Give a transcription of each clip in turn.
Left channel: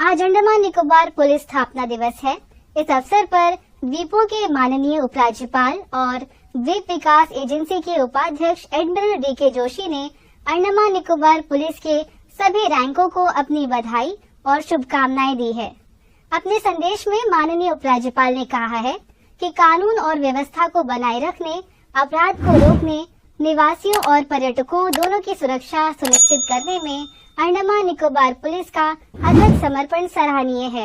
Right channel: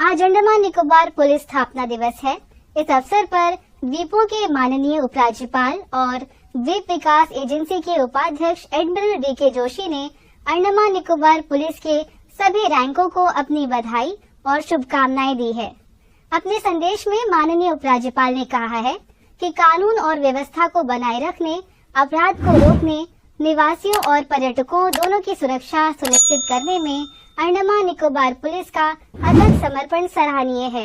आज अंडमान निकोबार पुलिस स्थापना दिवस है। इस अवसर पर द्वीपों के माननीय उपराज्यपाल और द्वीप विकास एजेंसी के उपाध्यक्ष एडमिरल डीके जोशी ने अंडमान निकोबार पुलिस के सभी रैंकों को अपनी बधाई और शुभकामनाएं दी है। अपने संदेश में माननीय उपराज्यपाल ने कहा है कि कानून और व्यवस्था को बनाए रखने, अपराध को रोकने, निवासियों और पर्यटकों दोनों की सुरक्षा सुनिश्चित करने में अंडमान निकोबार पुलिस का अथक समर्पण सराहनीय है।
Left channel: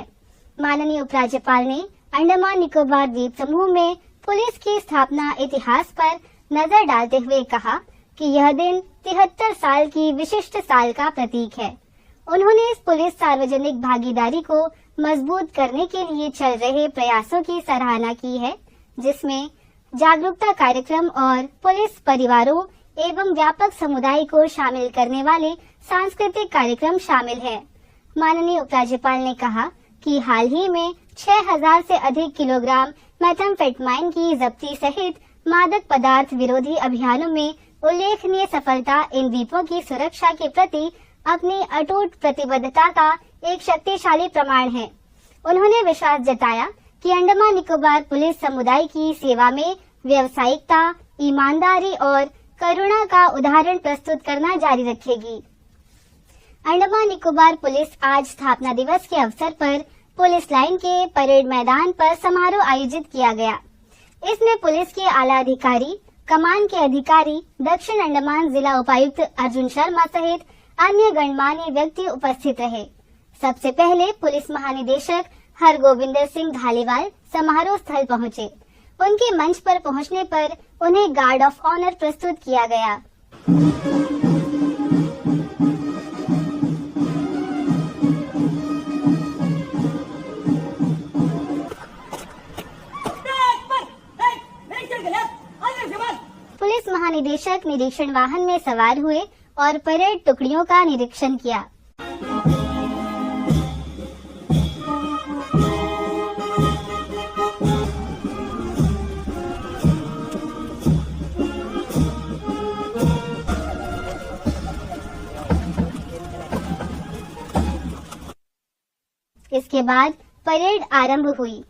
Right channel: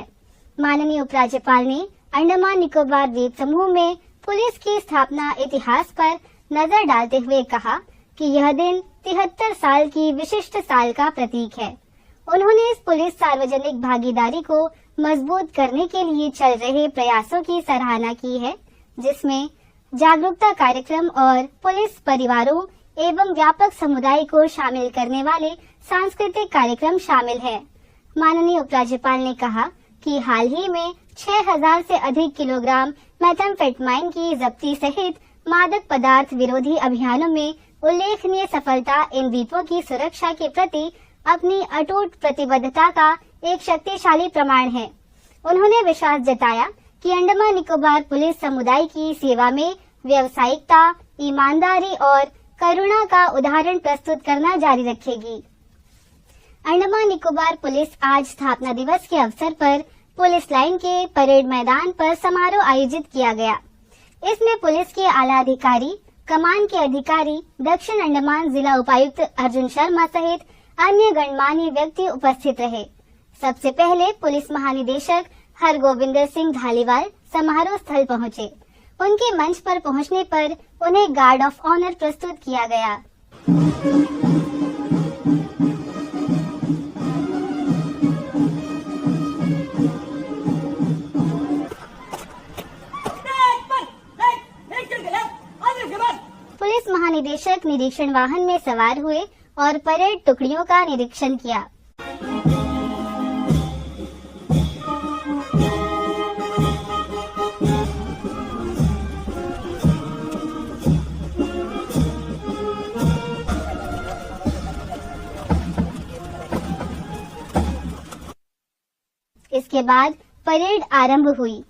माननीय उपराज्यपाल ने अंडमान निकोबार द्वीप समूह में पुलिस की स्थापना इतिहास पर नजर डालते हुए कहा कि यह दिन 73 साल की विशिष्ट साल का प्रतीक है। उन्होंने इस पुलिस सार्वजनिक भागीदारी को मजबूत करने के लिए चल रहे प्रयासों की सराहना की है, जिसमें जागरूकता कार्यक्रम और पुलिस परिवारों एवं व्यापक समुदाय को शामिल करने वाले सांस्कृतिक कार्यक्रम शामिल है। माननीय उपराज्यपाल ने कहा कि हाल ही में 6000 से अधिक किलोग्राम मेथाम्फेटामाइन की जब्ती सहित मादक पदार्थ विरोधी अभियानों में उल्लेखनीय सफलता इन द्वीपों की सुरक्षा के प्रति अपनी अटूट प्रतिबद्धता का एक शक्तिशाली प्रमाण है। उन्होंने विश्वास जताया कि अंडमान निकोबार पुलिस समुदाय की सेवा में व्यावसायिकता, ईमानदारी और करुणा का उदाहरण प्रस्तुत करना जारी रखेगी। अंडमान निकोबार पुलिस आज स्थापना दिवस के अवसर पर पुलिस लाइन के परेड मैदान पर समारोह आयोजित किया गया। इसमें पुलिस के आला अधिकारी, कमान के अधिकारी, दक्षिण अंडमान जिला उपायुक्त अर्जुन शर्मा सहित अन्य गणमान्य व्यक्ति उपस्थित रहे। सबसे पहले पुलिस महानिदेशक हरगोविंदर सिंह धालीवाल समारोह स्थल पहुंचे। उनके मंच पर पहुंचने पर उन्हें गार्ड ऑफ ऑनर प्रस्तुत किया गया। पुलिस महानिदेशक निरीक्षण वाहन में सवार हुए और परेड टुकड़ियों का निरीक्षण किया। इसके बाद परेड आरंभ हुई।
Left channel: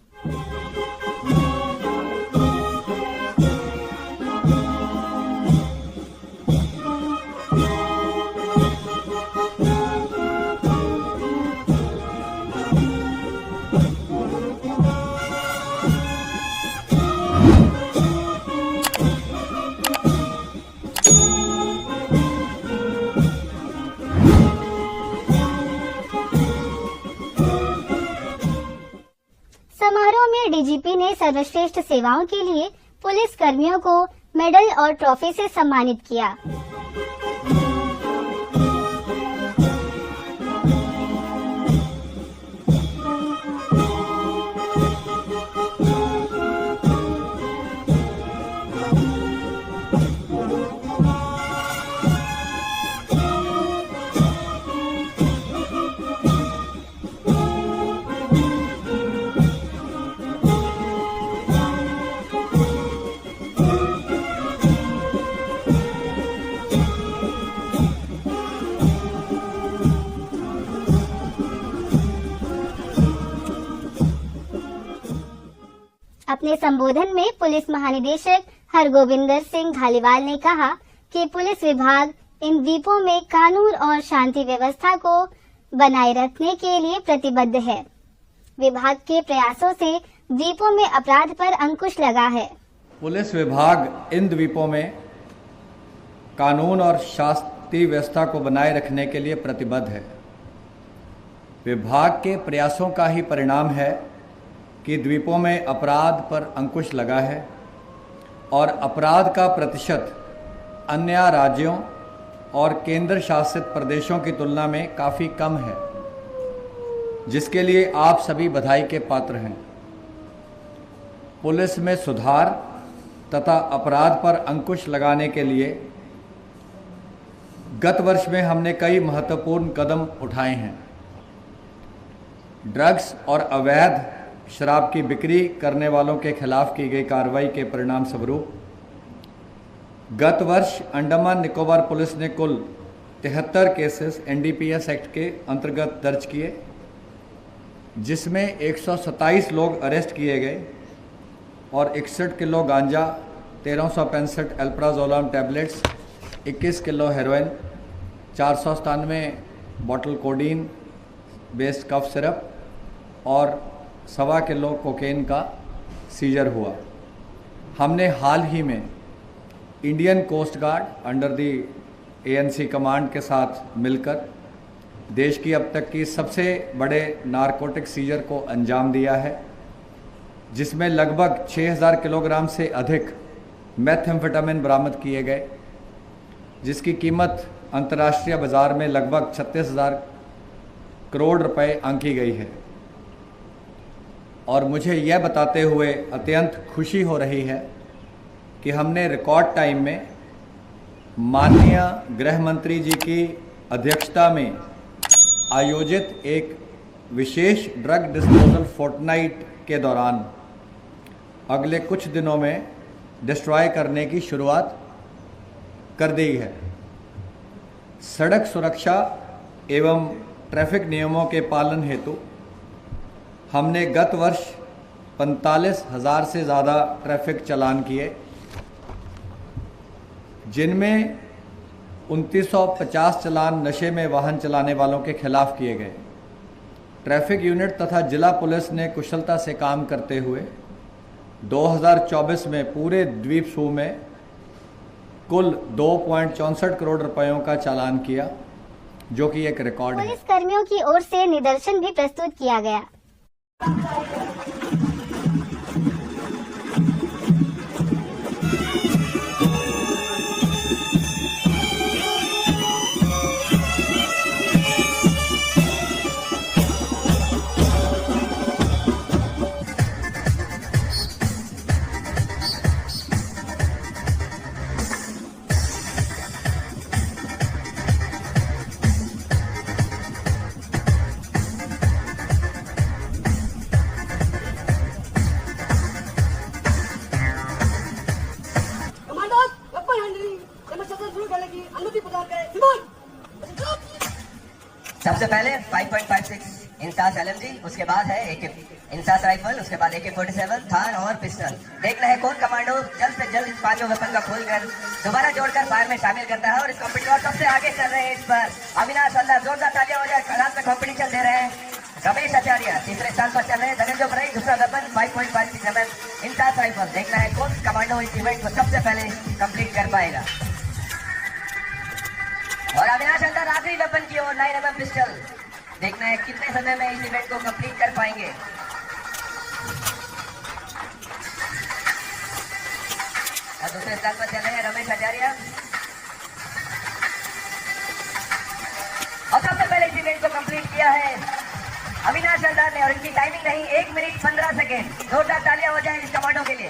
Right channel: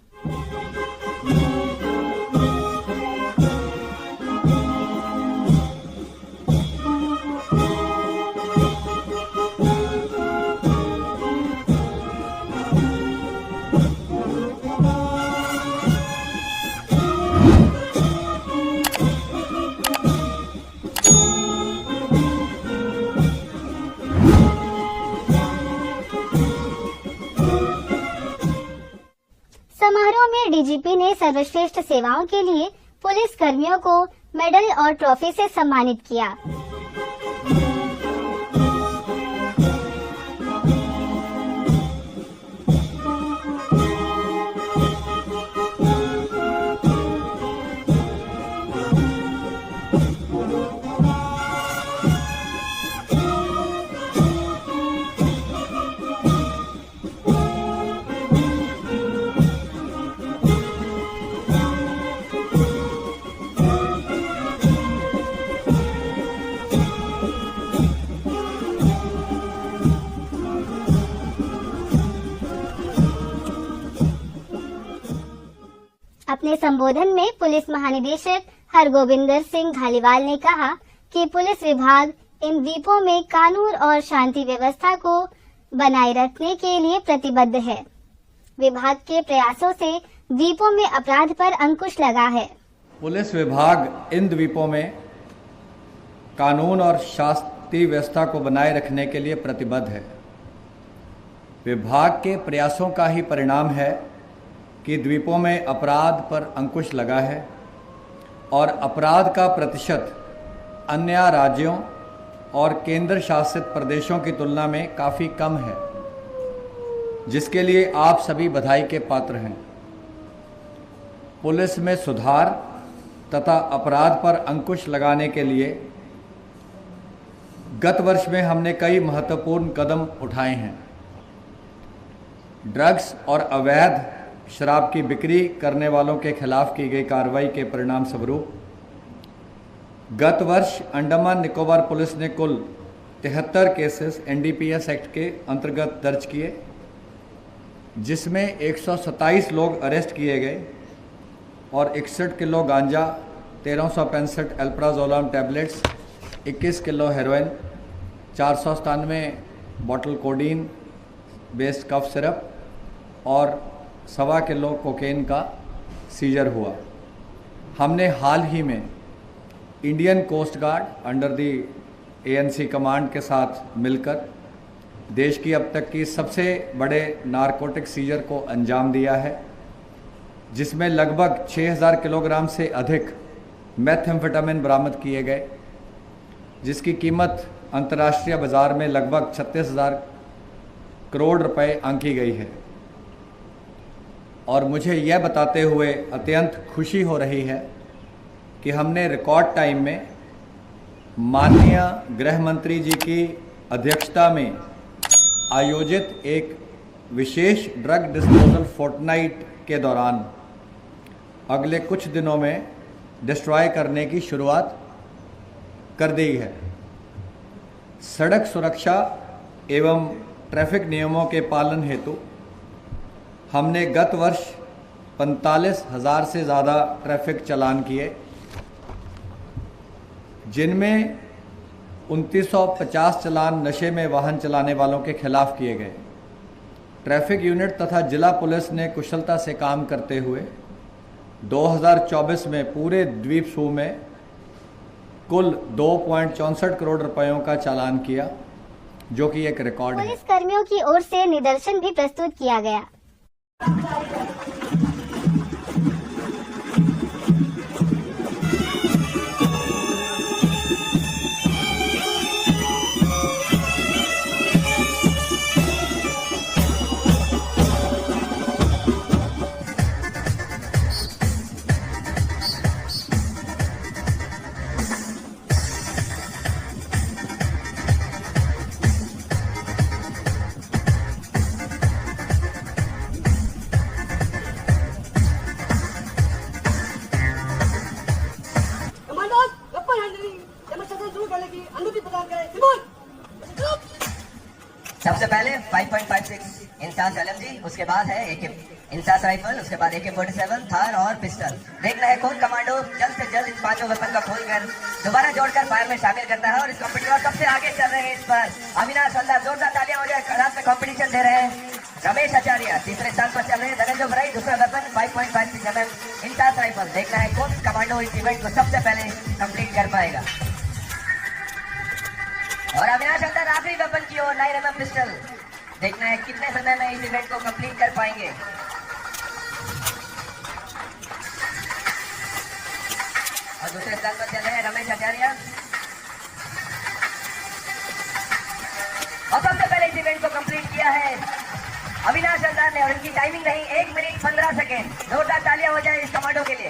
समारोह में डीजीपी ने सर्वश्रेष्ठ सेवाओं के लिए पुलिस कर्मियों को मेडल और ट्रॉफी से सम्मानित किया। अपने संबोधन में पुलिस महानिदेशक हरगोविंदर सिंह धालीवाल ने कहा कि पुलिस विभाग इन द्वीपों में कानून और शांति व्यवस्था को बनाए रखने के लिए प्रतिबद्ध है। विभाग के प्रयासों से द्वीपों में अपराध पर अंकुश लगा है। पुलिस विभाग इन द्वीपों में कानून और शांति व्यवस्था को बनाए रखने के लिए प्रतिबद्ध है। विभाग के प्रयासों का ही परिणाम है कि द्वीपों में अपराध पर अंकुश लगा है और अपराध का प्रतिशत अन्य राज्यों और केंद्र शासित प्रदेशों की तुलना में काफ़ी कम है, जिसके लिए आप सभी बधाई के पात्र हैं। पुलिस में सुधार तथा अपराध पर अंकुश लगाने के लिए गत वर्ष में हमने कई महत्वपूर्ण कदम उठाए हैं। ड्रग्स और अवैध शराब की बिक्री करने वालों के खिलाफ की गई कार्रवाई के परिणाम स्वरूप गत वर्ष अंडमान निकोबार पुलिस ने कुल 73 केसेस एनडीपीएस एक्ट के अंतर्गत दर्ज किए जिसमें 127 लोग अरेस्ट किए गए और 61 किलो गांजा, 1365 alprazolam tablets, 21 kilo heroin, 497 bottle codeine based cough syrup और 1.25 किलो कोकेन का सीजर हुआ। हमने हाल ही में Indian coast guard under the ANC command के साथ मिलकर देश की अब तक की सबसे बड़े नारकोटिक सीजर को अंजाम दिया है, जिसमें लगभग 6000 किलोग्राम से अधिक मेथएम्फेटामिन बरामद किए गए, जिसकी कीमत अंतर्राष्ट्रीय बाजार में लगभग 36,000 करोड़ रुपए आंकी गई है। और मुझे यह बताते हुए अत्यंत खुशी हो रही है कि हमने रिकॉर्ड टाइम में माननीय गृह मंत्री जी की अध्यक्षता में आयोजित एक विशेष ड्रग डिस्पोजल फोर्टनाइट के दौरान अगले कुछ दिनों में डिस्ट्रॉय करने की शुरुआत कर दी है। सड़क सुरक्षा एवं ट्रैफिक नियमों के पालन हेतु हमने गत वर्ष 45,000 से ज़्यादा ट्रैफिक चालान किए, जिनमें 2950 चालान नशे में वाहन चलाने वालों के खिलाफ किए गए। ट्रैफिक यूनिट तथा जिला पुलिस ने कुशलता से काम करते हुए 2024 में पूरे द्वीप समूह में कुल 2.64 करोड़ रुपयों का चालान किया, जो कि एक रिकॉर्ड है। पुलिस कर्मियों की ओर से निदर्शन भी प्रस्तुत किया गया। सबसे पहले 5.56 इंसास LMG, उसके बाद है AK इंसास राइफल, उसके बाद AK-47, थार और पिस्टल। देखना है कौन कमांडो जल्द से जल्द इन पांचों वेपन का खोलकर दोबारा जोड़कर फायर में शामिल करता है। और इस कॉम्पिटिशन सबसे आगे चल रहे हैं इस पर अविनाश हल्दार, जोरदार तालियां हो जाए। रात में कॉम्पिटिशन दे रहे हैं रमेश आचार्य, तीसरे स्थान पर चल रहे हैं। धनंजय बराई, दूसरा वेपन 5.56 mm इंसास राइफल। देखना है कौन कमांडो इस इवेंट को सबसे पहले कंप्लीट कर पाएगा। और अविनाश हल्दार आखिरी वेपन की ओर 9 mm पिस्टल। देखना है कितने समय में इस इवेंट को कंप्लीट कर पाएंगे। और दूसरे स्थान पर चल रहे हैं रमेश आचार्य। और सबसे पहले इस इवेंट को कंप्लीट किया है अविनाश हल्दार ने, और इनकी टाइमिंग रही 1 मिनट 15 सेकेंड। जोरदार तालियां हो जाए इस कमांडो के लिए।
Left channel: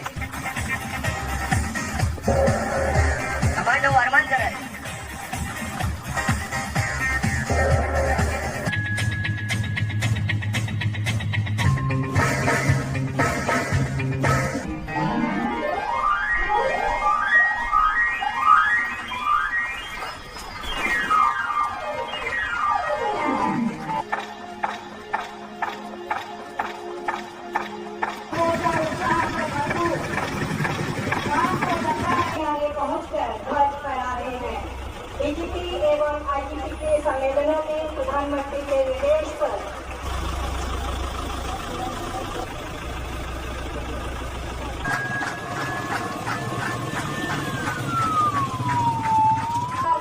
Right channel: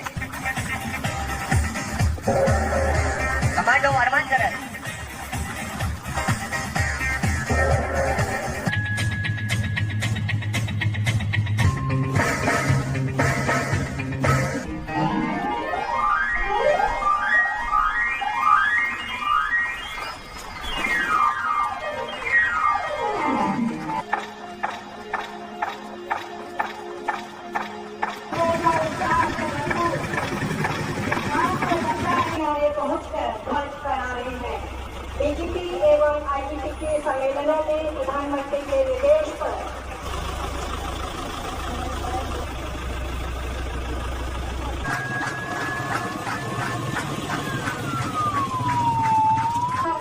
कमांडो अरमान करन। DGP एवं IGP के संवेदना में प्रधानमंत्री के निर्देश पर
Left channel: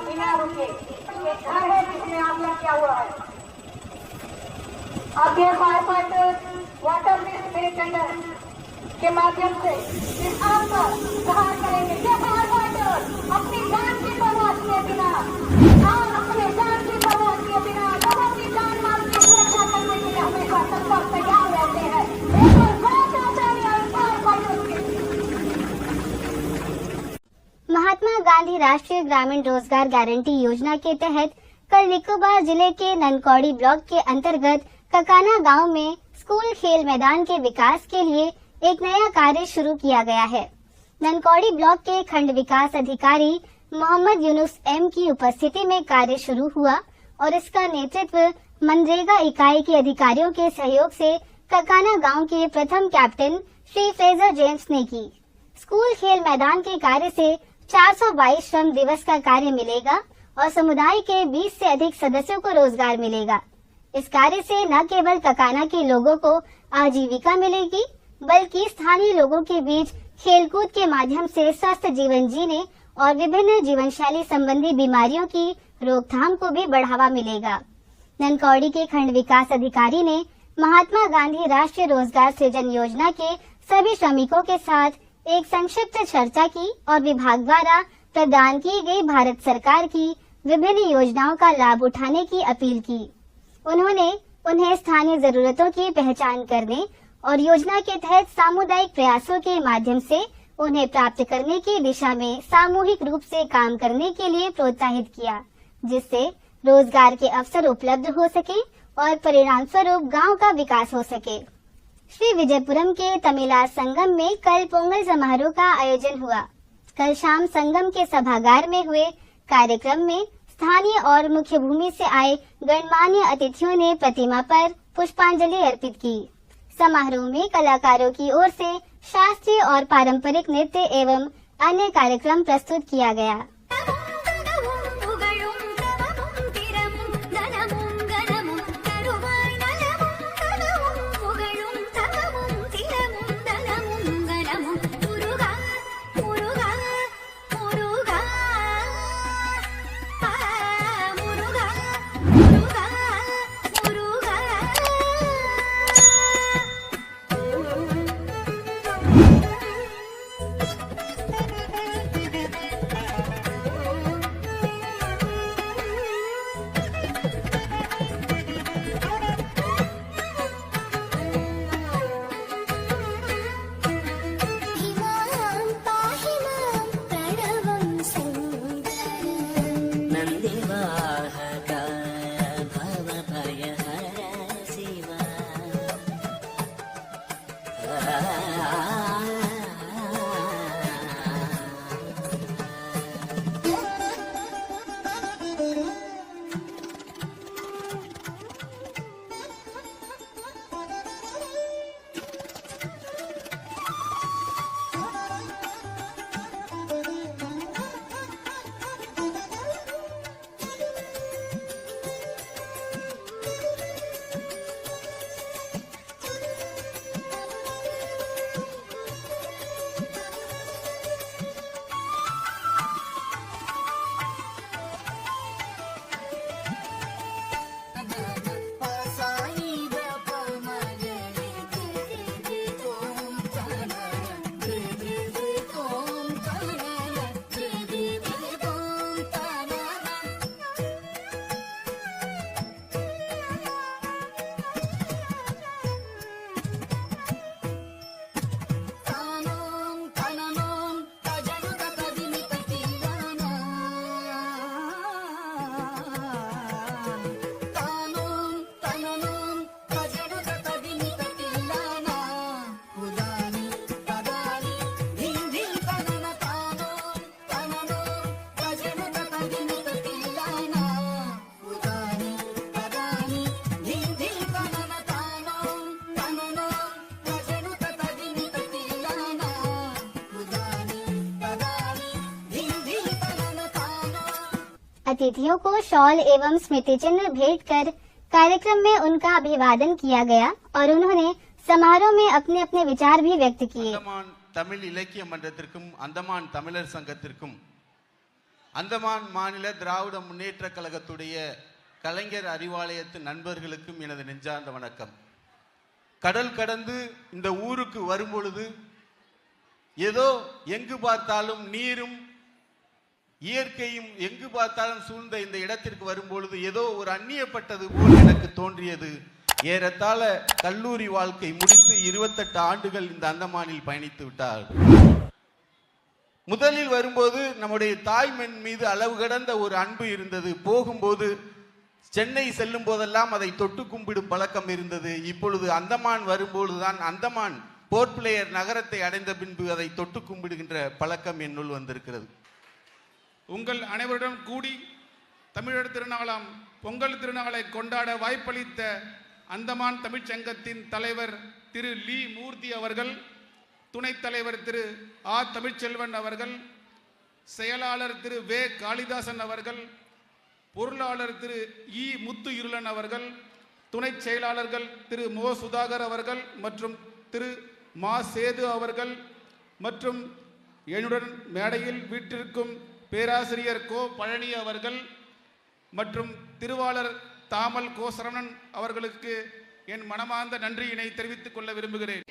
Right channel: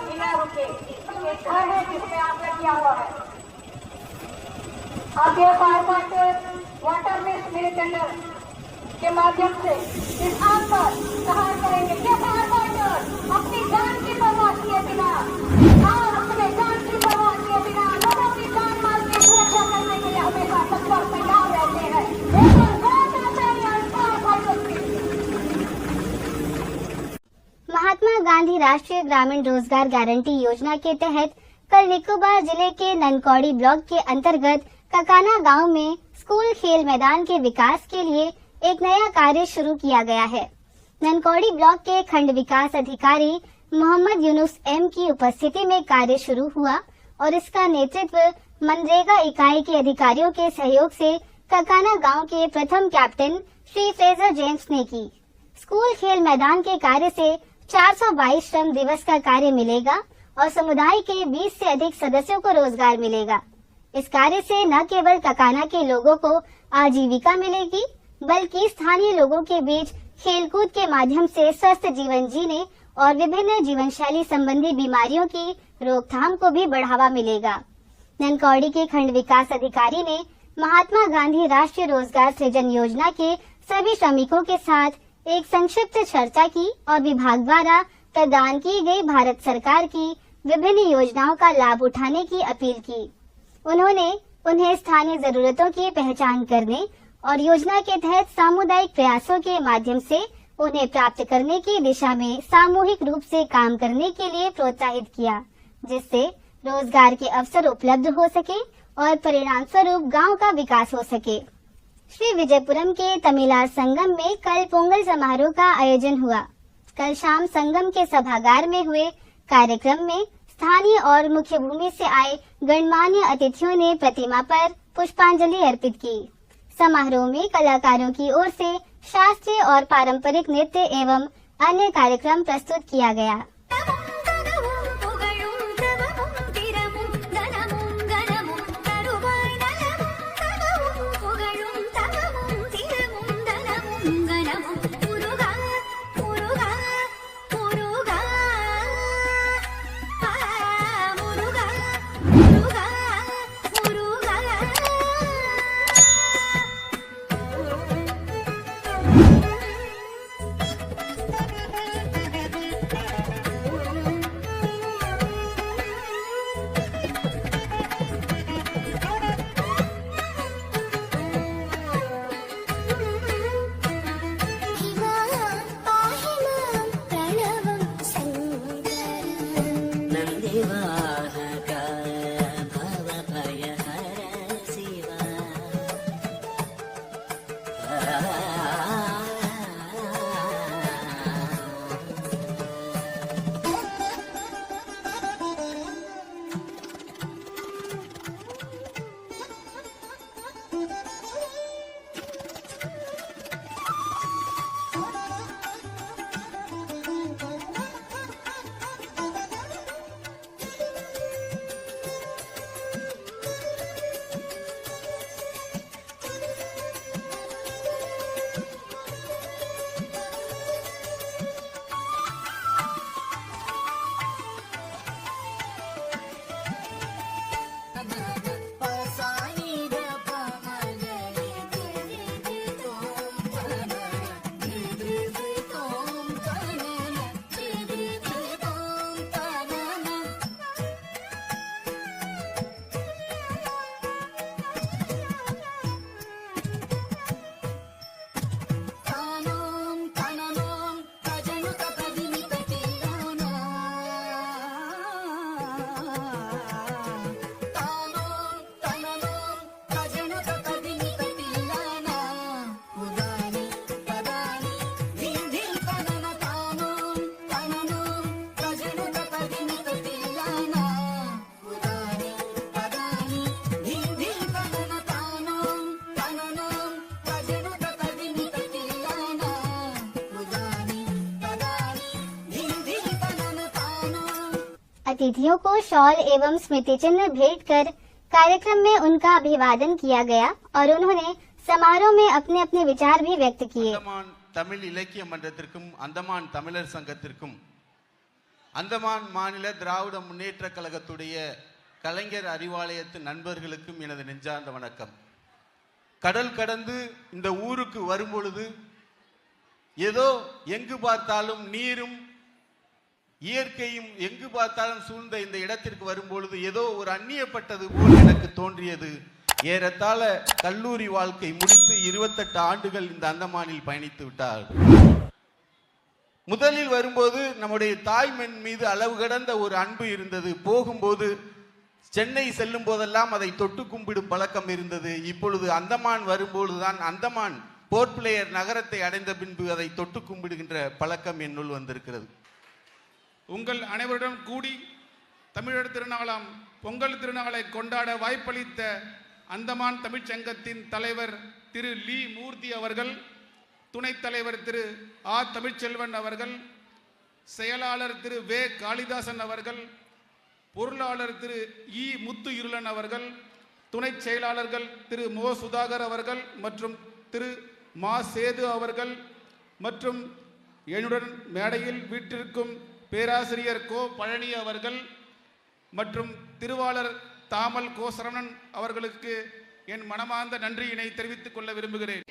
बिना रुके घर है जिसमें आगे किया हुआ है। आगे फायर फाइटर वाटर में टेंडर के माध्यम से इस आग पर सहार करेंगे। ये फायर फाइटर अपनी जान की परवाह किए बिना और अपने जान की परवाह किए बिना लोगों की जान माल की सुरक्षा करने के लिए हमेशा तत्पर तैयार रहते हैं। महात्मा गांधी राष्ट्रीय ग्रामीण रोजगार गारंटी योजना के तहत कल निकोबार जिले के ननकौड़ी ब्लॉक के अंतर्गत ककाना गांव में स्कूल खेल मैदान के विकास के लिए एक नया कार्य शुरू किया गया है। ननकौड़ी ब्लॉक के खंड विकास अधिकारी मोहम्मद यूनुस M की उपस्थिति में कार्य शुरू हुआ और इसका नेतृत्व मनरेगा इकाई के अधिकारियों के सहयोग से ककाना गांव के प्रथम कैप्टन श्री फ्रेजर जेम्स ने की। स्कूल खेल मैदान के कार्य से 422 श्रम दिवस का कार्य मिलेगा और समुदाय के 20 से अधिक सदस्यों को रोजगार मिलेगा। इस कार्य से न केवल ककाना के लोगों को आजीविका मिलेगी, बल्कि स्थानीय लोगों के बीच खेलकूद के माध्यम से स्वस्थ जीवन जीने और विभिन्न जीवन शैली संबंधी बीमारियों की रोकथाम को भी बढ़ावा मिलेगा। ननकौड़ी के खंड विकास अधिकारी ने महात्मा गांधी राष्ट्रीय रोजगार सृजन योजना के सभी श्रमिकों के साथ एक संक्षिप्त चर्चा की और विभाग द्वारा प्रदान की गई भारत सरकार की विभिन्न योजनाओं का लाभ उठाने की अपील की। उन्होंने उन्हें स्थानीय जरूरतों की पहचान करने और योजना के तहत सामुदायिक प्रयासों के माध्यम से उन्हें प्राप्त करने की दिशा में सामूहिक रूप से काम करने के लिए प्रोत्साहित किया, जिससे रोजगार के अवसर उपलब्ध हो सके और परिणाम स्वरूप गाँव का विकास हो सके। श्री विजयपुरम के तमिलार संगम में कल पोंगल समारोह का आयोजन हुआ। कल शाम संगम के सभागार में हुए कार्यक्रम में स्थानीय और मुख्य भूमि से आए गणमान्य अतिथियों ने प्रतिमा पर पुष्पांजलि अर्पित की। समारोह में कलाकारों की ओर से शास्त्रीय और पारंपरिक नृत्य एवं अन्य कार्यक्रम प्रस्तुत किया गया। अतिथियों को शॉल एवं स्मृति चिन्ह भेंट कर कार्यक्रम में उनका अभिवादन किया गया और उन्होंने समारोह में अपने अपने विचार भी व्यक्त किए। अंडमान तमिल इलक्किय मंडलத்திற்கும் अंडमान तमिழர் சங்கத்திற்கும் अंडमान மாநில திராவிட முன்னேற்ற கழகத்துடைய கலைஞர் அறிவாலயத்து நண்பர்களுக்கும் எனது நெஞ்சார்ந்த வணக்கம். கடல் கடந்து இந்த ஊருக்கு வரும்பொழுது ஏதோ எங்கு பார்த்தாலும் நீரும் இயற்கையும் எங்கு பார்த்தாலும் சூழ்ந்த இந்த இடத்திற்கு வரும்பொழுது ஏதோ ஒரு அந்நியப்பட்டது போல் எனக்கு தோன்றியது. ஏறத்தாழ கல்லூரி வாழ்க்கை முடித்து 28 ஆண்டுகள் இந்த அந்தமானில் பயணித்து விட்டார். முதலில் வரும்போது நம்முடைய தாய்மண் மீது அளவு கடந்த ஒரு அன்பு இருந்தது. போகும்போது சென்னை செல்லும் போதெல்லாம் அதை தொட்டு கும்பிடும் பழக்கம் இருந்தது. இப்பொழுது அந்தமான் வரும்பொழுதுதான் அந்தமான் போர்ட் பிளேயர் நகரத்தை அடைந்த பின்பு அதை தொட்டு கும்பிடுகின்ற பழக்கம் என்னுள் வந்திருக்கிறது. உங்கள் அனைவருடன் கூடி தமிழர் திருநாளாம் பொங்கல் திருநாளை கொண்டாட வாய்ப்பளித்த அந்தமான் தமிழ்ச்சங்கத்தின் தலைவர் திரு லீ மூர்த்தி அவர்கள், துணைத் தலைவர் திரு ஆ தமிழ்ச்செல்வன் அவர்கள், செயலாளர் திரு வே காளிதாசன் அவர்கள், பொருளாளர் திரு இ முத்து இருளன் அவர்கள், துணை செயலாளர்கள் திரு மோ சுதாகர் அவர்கள் மற்றும் திரு மா சேது அவர்கள் மற்றும் என்னுடன் மேடையில் வீட்டிற்கும் பேராசிரியர் கோ பழனி அவர்கள் மற்றும் திருவாளர் தாமல் கோ சரவணன் அவர்களுக்கு என் மனமார்ந்த நன்றியினை தெரிவித்துக் கொள்ள விரும்புகிறேன்.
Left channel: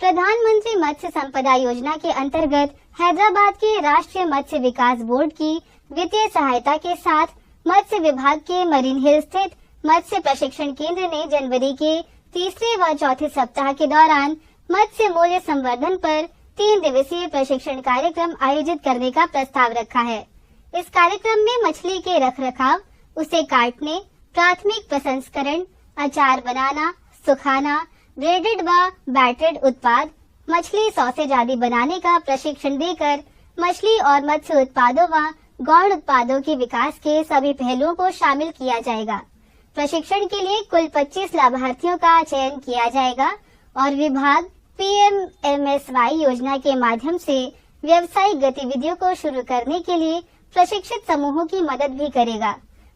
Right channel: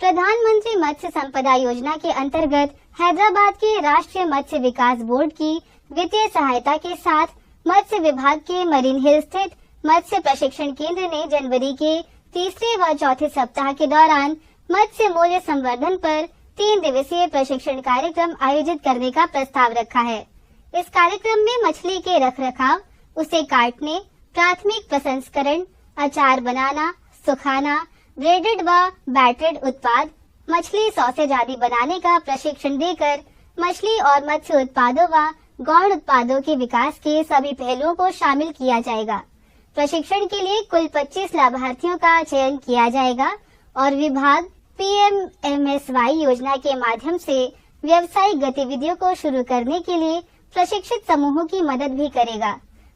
प्रधानमंत्री मत्स्य संपदा योजना के अंतर्गत हैदराबाद के राष्ट्रीय मत्स्य विकास बोर्ड की वित्तीय सहायता के साथ मत्स्य विभाग के मरीन हिल स्थित मत्स्य प्रशिक्षण केंद्र ने जनवरी के तीसरे व चौथे सप्ताह के दौरान मत्स्य मूल्य संवर्धन पर 3 दिवसीय प्रशिक्षण कार्यक्रम आयोजित करने का प्रस्ताव रखा है। इस कार्यक्रम में मछली के रखरखाव, उसे काटने, प्राथमिक प्रसंस्करण, अचार बनाना, सुखाना, ब्रेडेड व बैटरेड उत्पाद, मछली सॉसेज आदि बनाने का प्रशिक्षण देकर मछली और मत्स्य उत्पादों व गौण उत्पादों के विकास के सभी पहलुओं को शामिल किया जाएगा। प्रशिक्षण के लिए कुल 25 लाभार्थियों का चयन किया जाएगा और विभाग PMMSY योजना के माध्यम से व्यावसायिक गतिविधियों को शुरू करने के लिए प्रशिक्षित समूहों की मदद भी करेगा।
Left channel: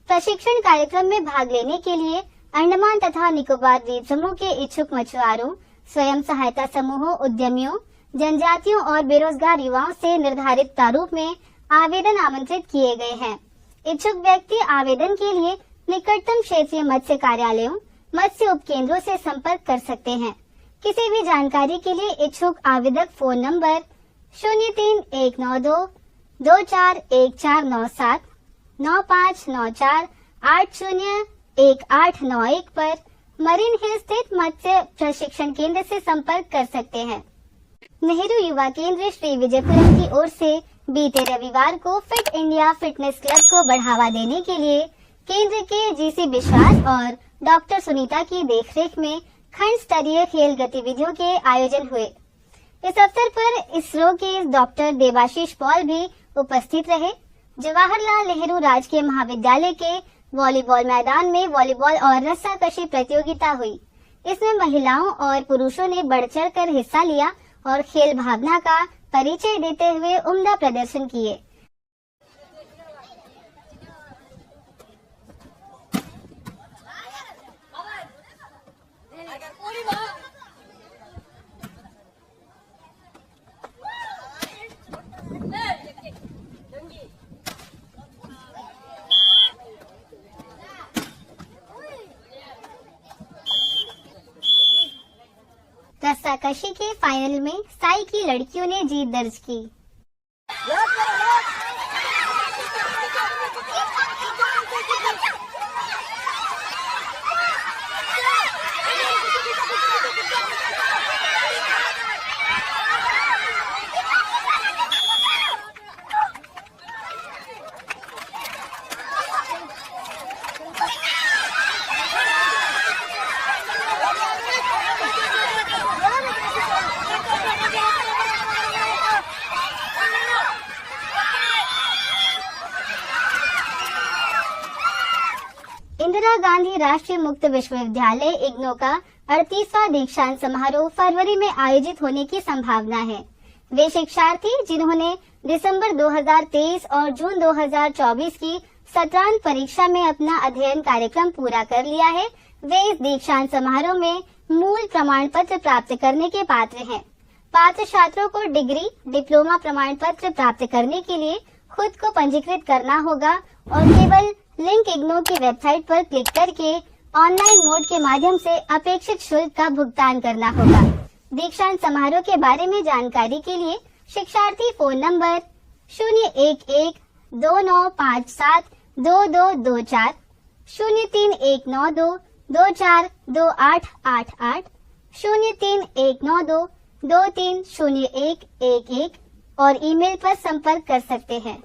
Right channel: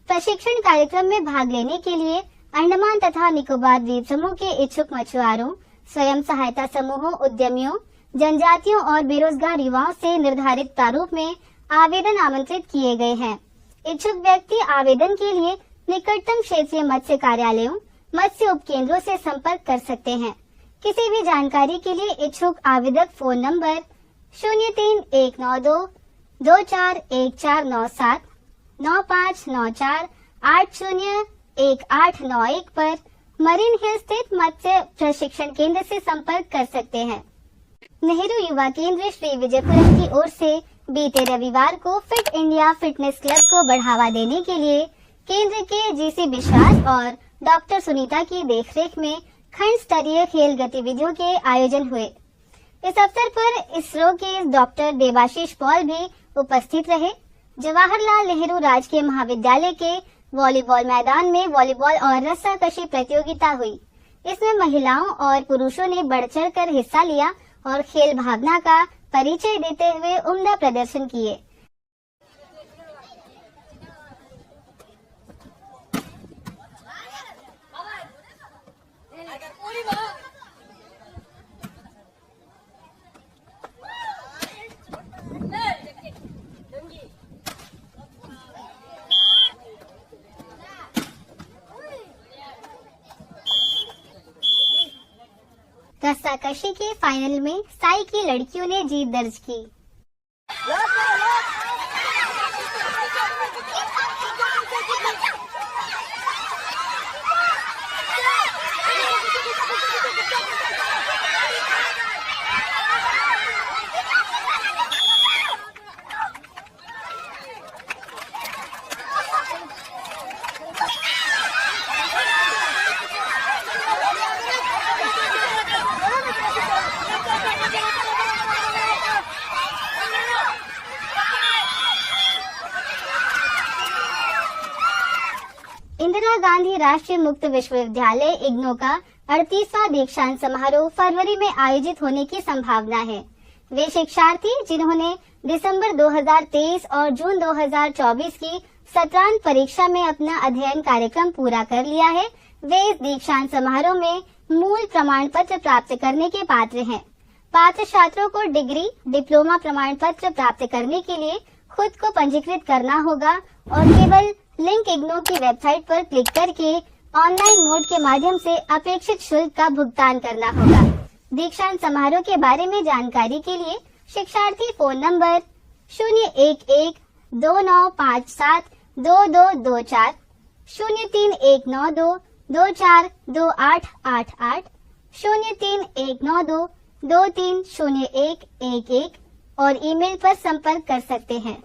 प्रशिक्षण कार्यक्रम में भाग लेने के लिए अंडमान तथा निकोबार द्वीप समूह के इच्छुक मछुआरों, स्वयं सहायता समूहों, उद्यमियों, जनजातियों और बेरोजगार युवाओं से निर्धारित प्रारूप में आवेदन आमंत्रित किए गए हैं। इच्छुक व्यक्ति आवेदन के लिए निकटतम क्षेत्रीय मत्स्य कार्यालयों, मत्स्य उपकेंद्रों से संपर्क कर सकते हैं। किसी भी जानकारी के लिए इच्छुक आवेदक फोन नंबर 03192 241497 9594 801891 पर मरीन हिल स्थित मत्स्य प्रशिक्षण केंद्र से संपर्क कर सकते हैं। नेहरू युवा केंद्र श्री विजयपुरम की ओर से बीते रविवार को फिट इंडिया फिटनेस क्लब को बढ़ावा देने के लिए केंद्र के जीसी विश्वास और डॉक्टर सुनीता की देखरेख में खंड स्तरीय खेल गतिविधियों के आयोजन हुए। इस अवसर पर इसरो के डॉक्टर देवाशीष पॉल भी उपस्थित रहे। जवाहरलाल नेहरू राजकीय महाविद्यालय के वॉलीबॉल मैदान में वॉलीबॉल और रस्साकशी प्रतियोगिता हुई। इसमें महिलाओं और पुरुषों ने बढ़ चढ़ कर हिस्सा लिया और खेल भावना का परिचय देते हुए उम्दा प्रदर्शन किए। रस्साकशी के फाइनल में साई की लड़कियों ने जीत दर्ज की। इंदिरा गांधी राष्ट्रीय मुक्त विश्वविद्यालय इग्नू का 38वां दीक्षांत समारोह फरवरी में आयोजित होने की संभावना है। वे शिक्षार्थी जिन्होंने दिसंबर 2023 और जून 2024 की सत्रांत परीक्षा में अपना अध्ययन कार्यक्रम पूरा कर लिया है, वे इस दीक्षांत समारोह में मूल प्रमाण पत्र प्राप्त करने के पात्र हैं। पात्र छात्रों को डिग्री, डिप्लोमा प्रमाण पत्र प्राप्त करने के लिए खुद को पंजीकृत करना होगा और केवल लिंक इग्नू की वेबसाइट पर क्लिक करके ऑनलाइन मोड के माध्यम से अपेक्षित शुल्क का भुगतान करना होगा। दीक्षांत समारोह के बारे में जानकारी के लिए शिक्षार्थी फोन नंबर 01129572224, 03192 242888, 03192 230111 और ईमेल पर संपर्क कर सकते हैं।